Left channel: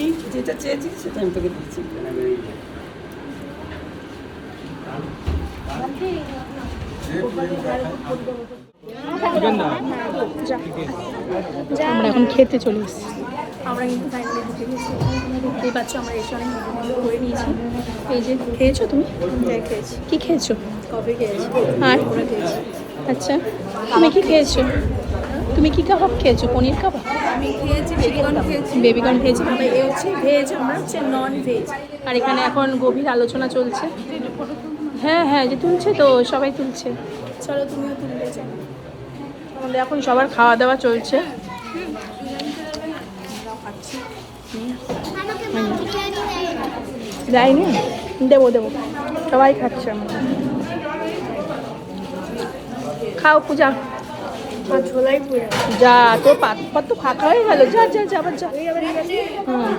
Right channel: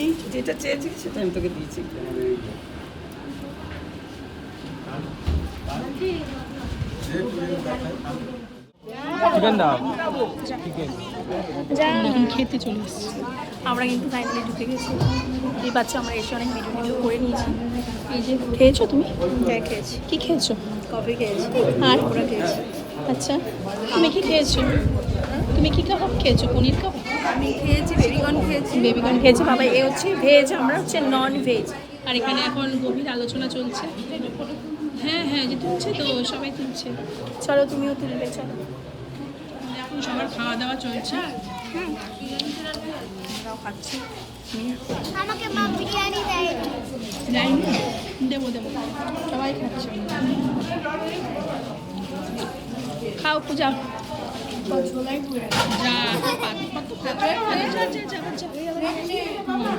এই যেটা চেয়েছি সেটা আমি তোকে দিয়েছি। আমরা এখন খেতে চলে এসেছি। আমরা কিন্তু ফাইনালি ঢুকে গেছি। দেখতেই পাচ্ছ আমরা এসে অনেক ভিডিও করে নিয়েছি। এই যে খেয়েছো তুমি? হ্যাঁ খেয়েছি। কি খেয়েছো? কফি খেয়েছি আর ওরা খেয়েছি। আচ্ছা, তুমি কি খেয়েছো? তুমি কি কাবাব খেয়েছো? পনির কাবাব, আমি খেয়েছি বেবিকর্ন খেয়েছি। বেবিকর্ন খেয়েছি। বাবা এ হচ্ছে ভেজ, আমরা হচ্ছে নন ভেজ। আর এখানে এখন গভীর আলোচনা চলছে। হ্যাঁ হ্যাঁ, যে তুলছে তো, সবাই তুলছে। চলো তুমিও তুলবে, চলো। আমাদের এখন সবার খাওয়া দাওয়া চলছে। আমরাও খাচ্ছি। আমাকে মা বিরিয়ানি দেয়। যাইনি, দেবো দেবো, সবাই খাচ্ছে। খাও পূজা, ঝোলাই পুরো যা তোর পাত তো ফাঁকা হয়ে গেল। যা যা যা, আবার যা। হুম।